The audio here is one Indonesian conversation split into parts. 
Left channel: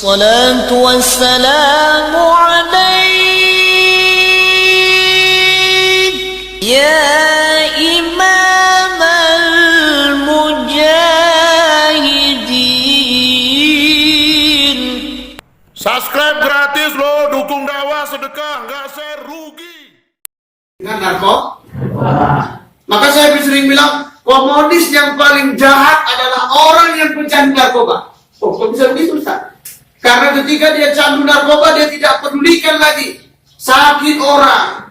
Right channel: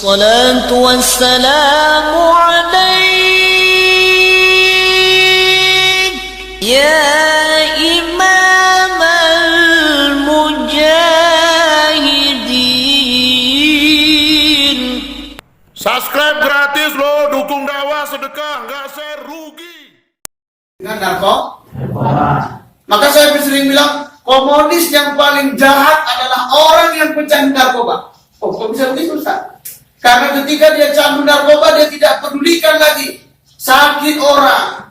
الصلاة والسلام عليك يا إمام المجاهدين. Subscribe gratis loh, dukung dakwah sedekah, nggak serugi. Dengan narkoba. Maka saya sering bilang, komunis yang paling jahat adalah orang yang pecandu narkoba. Oh, kok bisa begitu, Ustaz? Karena ketika dia candu narkoba, dia tidak pedulikan lagi sakit orang,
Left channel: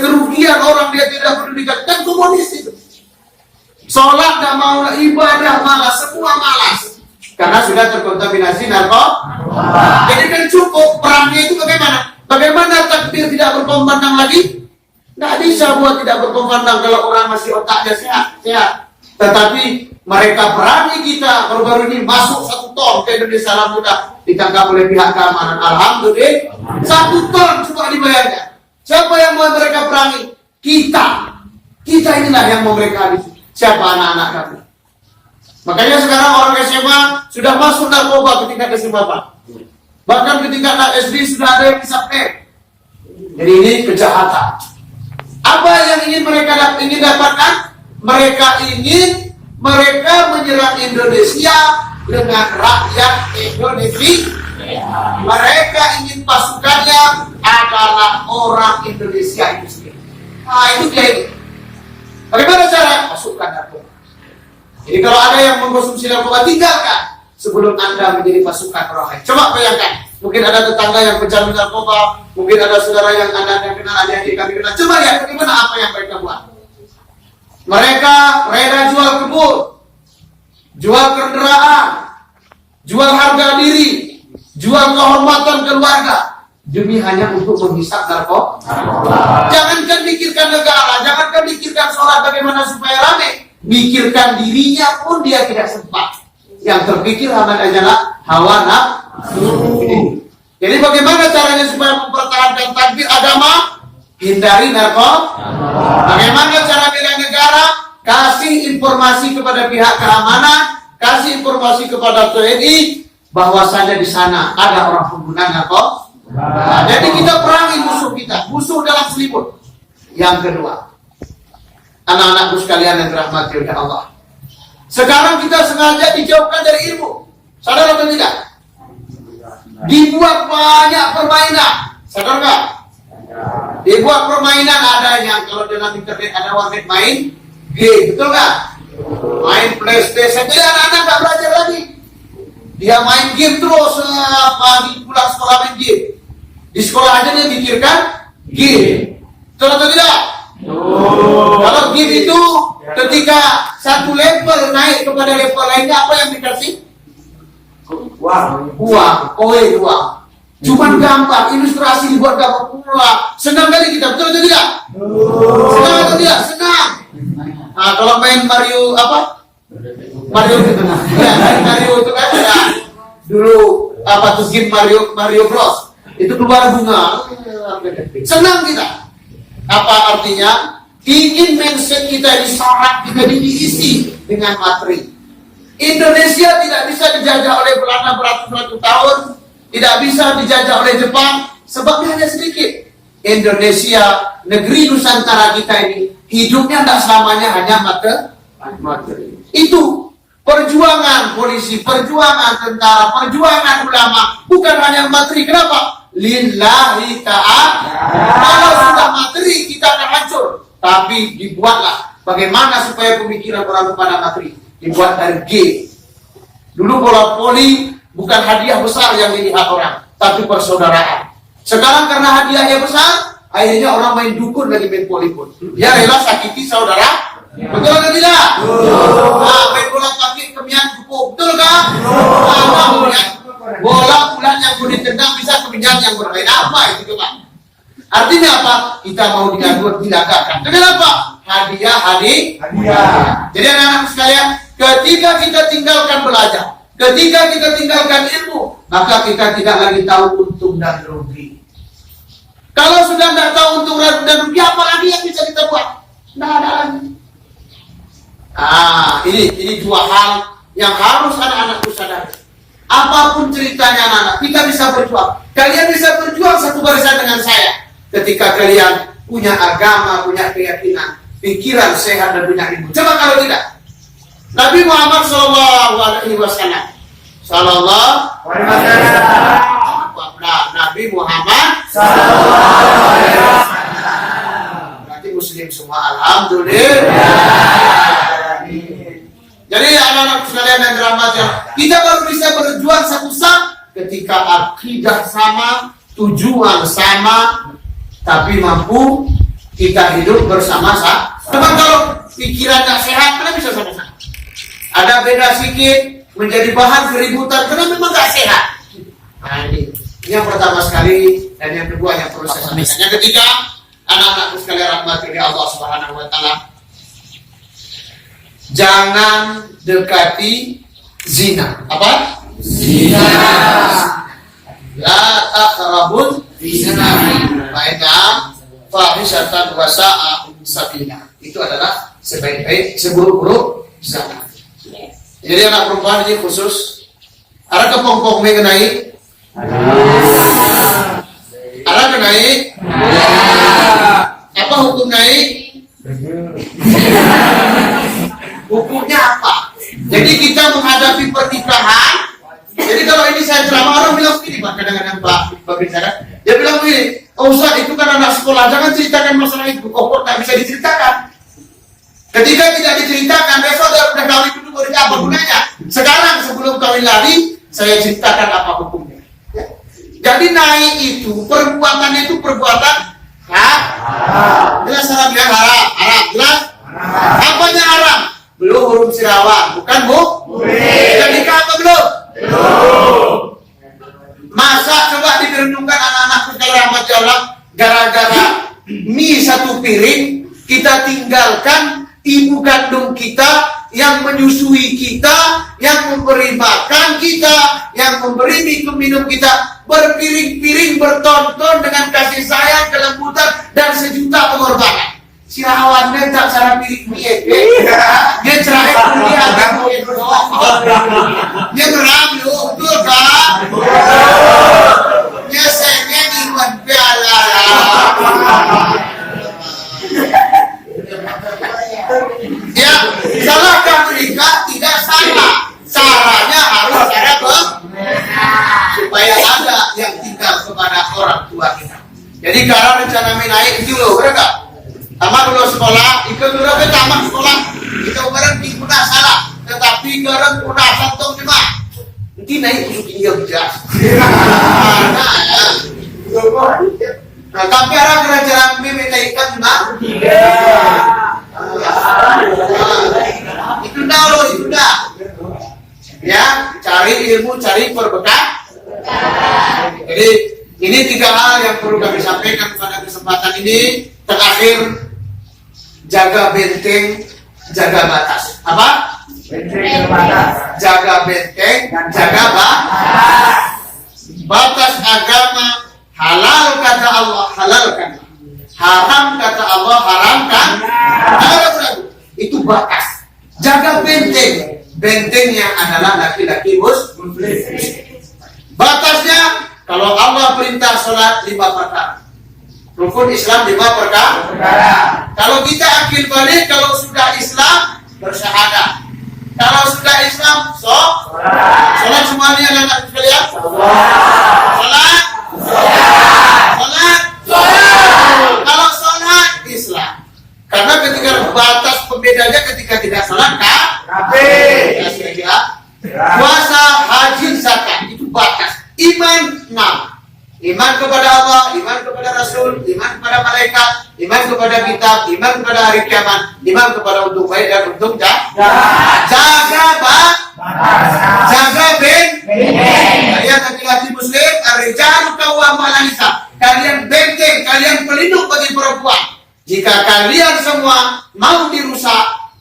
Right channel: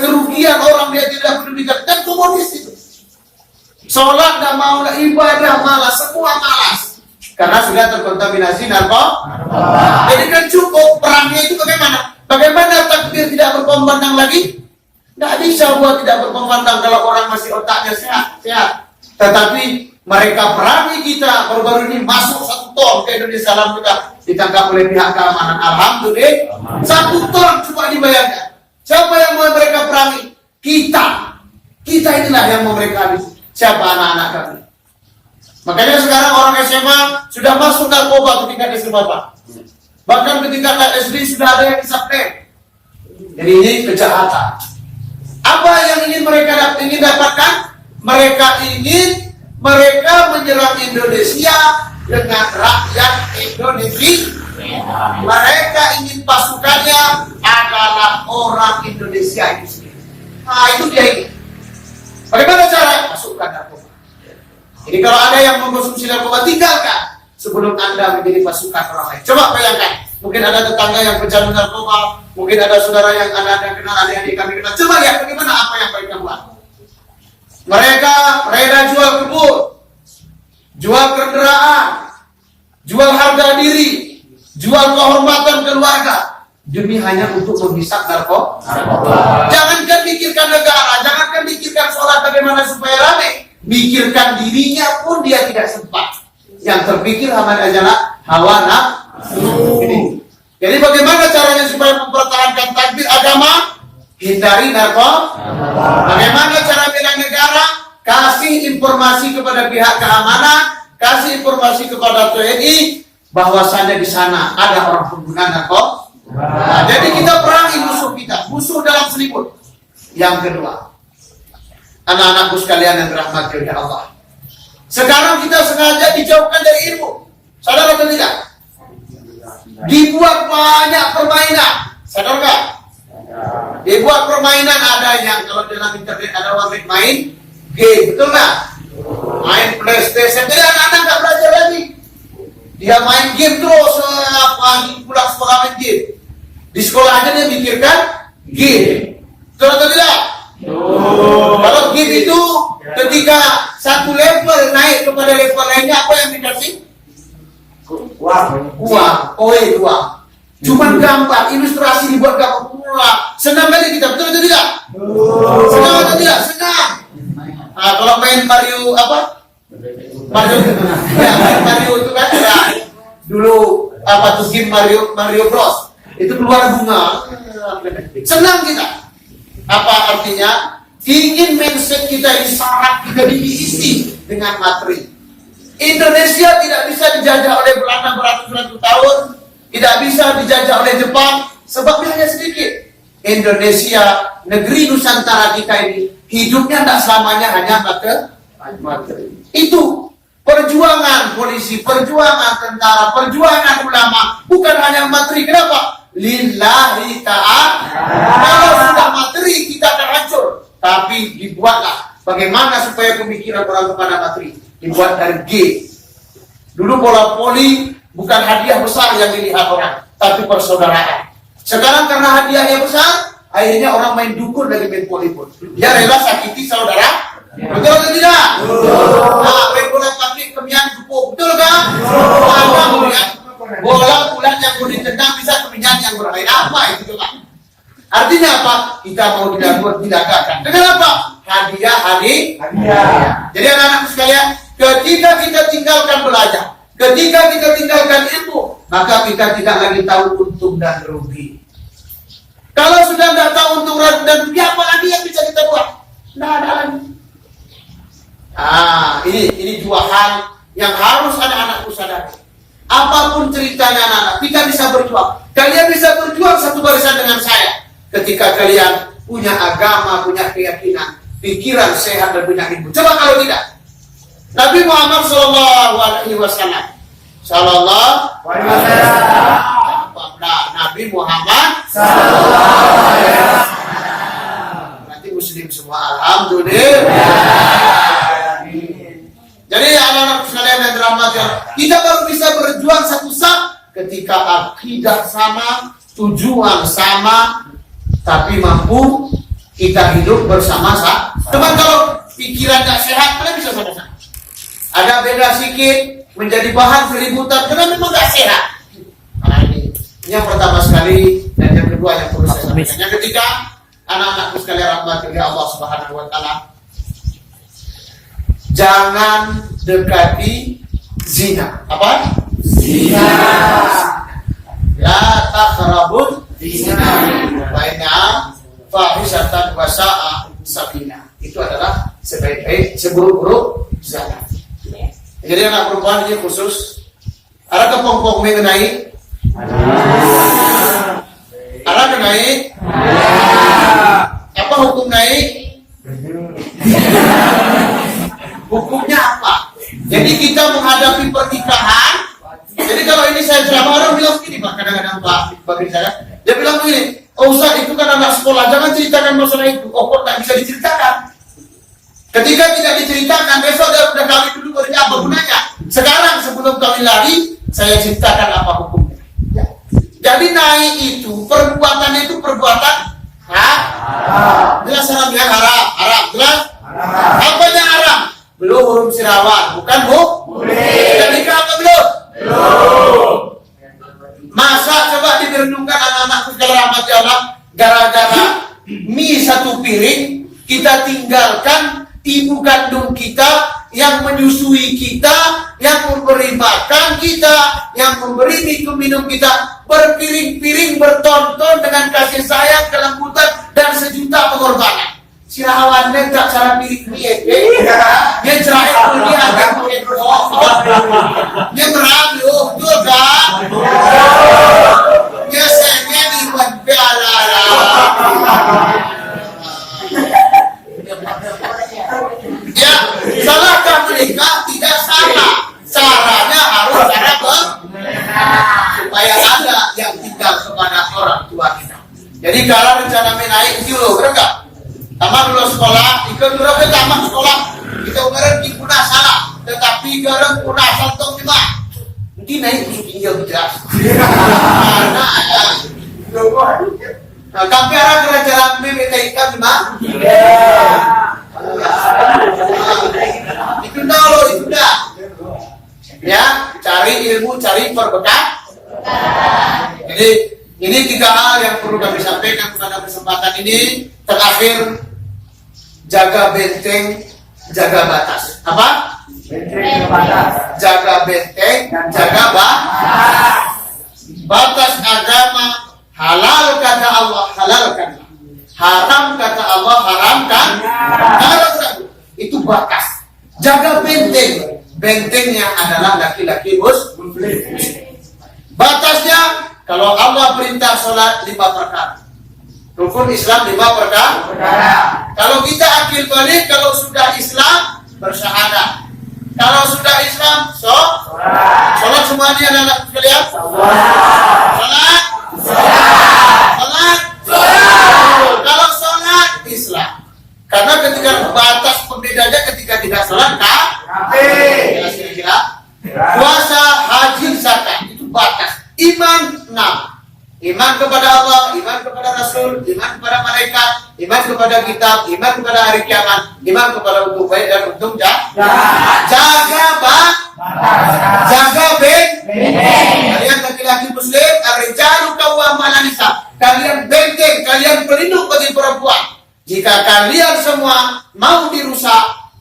kerugian orang, dia tidak pedulikan. Kan komunis itu. Sholat dan mau ibadah malas, semua malas. Karena sudah terkontaminasi narkoba. Jadi kan cukup perangnya itu bagaimana? Bagaimana takbir tidak berkumandang lagi? Tidak bisa buat tidak berkumandang kalau orang masih otaknya sehat. Tetapi mereka perangi kita. Baru-baru ini masuk 1 ton ke Indonesia, alhamdulillah ditangkap oleh pihak keamanan. Alhamdulillah 1 ton, coba dibayangkan. Siapa yang mau mereka perangi? Kita inilah yang mau mereka habisi. Siapa? Anak-anak kami. Makanya sekarang orang SMA sudah masuk narkoba ketika SMA, Pak. Bahkan ketika SD sudah ada yang disapnek. Jadi ini kejahatan. Apa yang ingin mereka dapatkan? Mereka menyerang Indonesia dengan rakyat Indonesia. Mereka ingin pasukannya adalah orang Indonesia itu sendiri. Nah, itu dia ini. Bagaimana cara? Masukkan narkoba. Jadi kalau ada yang mengkonsumsi narkoba, tinggalkan sebelum Anda menjadi pasukan orang lain. Coba bayangkan, mungkin ada tetangga yang pecandu narkoba, mungkin ada saudara yang Anda kenal, ada yang kami kenal. Coba lihat bagaimana apa yang mereka buat. Mereka rela jual kebun, jual kendaraan, jual harga diri, jual kehormatan keluarga, demi hanya untuk menghisap narkoba. Jangankan mikirkan negara, jangankan mikirkan sholat bagaimana supaya rame, mikirkan dirinya pun dia tidak sempat. Yang terpikir adalah hawa nafsu. Jadi bagaimana caranya supaya mempertahankan takbir agama? Hindari narkoba. Bagaimana cara bela negara? Kasih informasi kepada pihak keamanan, kasih informasi kepada TNI bahwasannya di sana ada orang pengguna narkoba. Nah, jadi kita perangi musuh kita, musuh dalam selimut. Yang kedua, anak-anakku sekalian yang dirahmati oleh Allah. Sekarang kita sengaja dijauhkan dari ilmu. Sadar atau tidak? Dibuat banyak permainan. Sadar nggak? Dibuat permainan, ada yang kalau dalam internet ada warnet main game, betul nggak? Main PlayStation. Jadi anak-anak nggak belajar lagi. Dia main game terus, pagi pulang sekolah main game. Di sekolah aja dia mikirkan game. Betul atau tidak? Kalau game itu ketika satu level naik kepada level lainnya, apa yang dikasih? Uang, uang. Cuman gambar, ilustrasi dibuat gambar. Wah, senang kali kita, betul atau tidak? Senang atau tidak? Senang. Nah, kalau main Mario Mario itu kan ada dulu game Mario Bros. Itu keluar bunga. Senang kita. Apa artinya? Ingin mindset kita ini syarat kita diisi dengan materi. Indonesia tidak bisa dijajah oleh Belanda beratus-ratus tahun, tidak bisa dijajah oleh Jepang, sebabnya hanya sedikit. Indonesia, negeri Nusantara kita ini, hidupnya tidak selamanya hanya materi. Itu perjuangan polisi, perjuangan tentara, perjuangan ulama, bukan hanya materi. Kenapa? Lillahi ta'ala. Kalau sudah materi kita akan hancur. Tapi dibuatlah bagaimana supaya pemikiran orang kepada materi. Dibuat dari G. Dulu bola voli bukan hadiah besar yang dilihat orang, tapi persaudaraan. Sekarang karena hadiahnya besar, akhirnya orang main dukun lagi main voli pun. Dia rela sakiti saudara. Betul atau tidak? Nah, main bola kaki kemian kupuk. Betul kan? Bola bulan yang mau ditendang bisa kemian yang bermain. Apa itu coba? Artinya apa? Kita mau didagakan. Kenapa? Hadiah. Jadi anak-anak sekalian, ketika kita tinggalkan belajar, ketika kita tinggalkan ilmu, maka kita tidak lagi tahu untung dan rugi. Kalau sudah tidak tahu untung dan rugi, apa lagi yang bisa kita buat? Tidak ada lagi. Ini dua hal yang harus anak-anakku sadari. apapun ceritanya anak-anak, kita bisa berjuang. Kalian bisa berjuang satu barisan dengan saya ketika kalian punya agama, punya keyakinan, pikiran sehat dan punya ilmu. Coba kalau tidak, Nabi Muhammad Sallallahu Alaihi Wasallam, Nabi Muhammad Sallallahu Alaihi Wasallam. Berarti Muslim semua, alhamdulillah. Jadi anak-anak sekalian yang dirahmati, kita baru bisa berjuang satu saat ketika akidah sama, tujuan sama, tapi mampu kita hidup bersama-sama. Teman kalau pikirannya sehat, karena bisa sama-sama. Ada beda sedikit, menjadi bahan keributan, karena memang gak sehat. Nah ini yang pertama sekali, dan yang kedua yang perlu saya sampaikan. Yang ketiga, anak-anakku sekalian rahmati Allah Subhanahu Wa Taala, jangan dekati zina. Apa? Zina. La taqrabul zina. Baina fahisatan wa sa'a sabila. Itu adalah sebaik-baik, seburuk-buruk zina. Jadi anak perempuan ini khusus. Ada kepongkong mengenai. Ada kenai. Apa hukum naik? Hukumnya apa? Jadi kita menghadapi pernikahan. Jadi kalau ini saya ceramah, orang bilang begini Pak, kadang-kadang Pak bicara, dia bilang begini, oh Ustaz itu kan anak sekolah, jangan ceritakan masalah itu. Oh kok tak bisa diceritakan? Ketika tidak diceritakan, besok dia udah kawin dulu, baru apa gunanya? Sekarang sebelum kawin lari, saya ceritakan apa hukumnya. Ya. Jadi naik itu, perbuatannya itu perbuatan haram. Jelas haramnya haram, jelas? Apanya haram? Belum huruf sirawan, bukan bu? Sudah nikah apa belum? Belum. Masa coba direnungkan anak-anakku sekalian rahmat Allah, gara-gara mie satu piring kita tinggalkan ibu kandung kita yang menyusui kita, yang memberi makan kita, yang memberi minum kita, berpiring-piring bertonton dengan kasih sayang, kelembutan dan sejuta pengorbanan. Si awannya tak cara piring mie, dia cerai kuliah ada mie, dia ngerayu, betul kan? Dia sengen iman piala. Ya, salahkah menikah? Tidak salah. Caranya harus cara supaya ada yang tinggal kepada orang tua kita. Jadi karena rencana naik itu loh, benar? Tamat dulu sekolah, itu dulu ke tamat sekolah, itu kemarin digunakan salah, tetapi kemarin punah santong cuma, mungkin naik busuk ini yang bijak. Karena ya, nah kamera kerajaan meminta ikan cuma, itu dah loh, itu dah. Ya, cari ilmu, cari perbekal. Jadi ini 3 hal yang perlu kami sampaikan pada kesempatan ini. Terakhir, jaga benteng, jaga batas. Apa? Benteng batas. Jaga benteng, jaga batas. Batas agama, halal kata Allah, halalkan. Haram kata Allah, haramkan. Itu batas. Jaga benteng. Bentengnya adalah laki-laki muslim. Batasnya, kalau Allah perintah sholat 5 perkara. Rukun Islam 5 perkara. Kalau kita akil balik, kalau sudah Islam bersyahadat. Kalau sudah Islam, sholat semuanya anak-anak sekalian. Sholat. Kalau sholat Islam. Karena ketika batas pembedanya ketika tidak sholat kafir. Puasa, haji, zakat itu batas. Iman 6. Iman kepada Allah, iman kepada Rasul, iman kepada malaikat, iman kepada kitab, iman kepada hari kiamat, iman kepada untuk baik dan untuk jahat. Jaga kalian laki-laki muslim, ar-rijalu qawwamuna 'ala nisa. Kalian benteng, kalian pelindung bagi perempuan. Jika kalian semua mau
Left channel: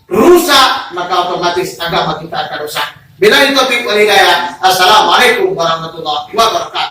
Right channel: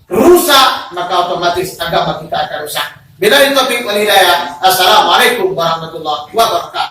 rusak, maka otomatis agama kita akan rusak. Bila itu topik wal hidayah. Assalamualaikum warahmatullahi wabarakatuh.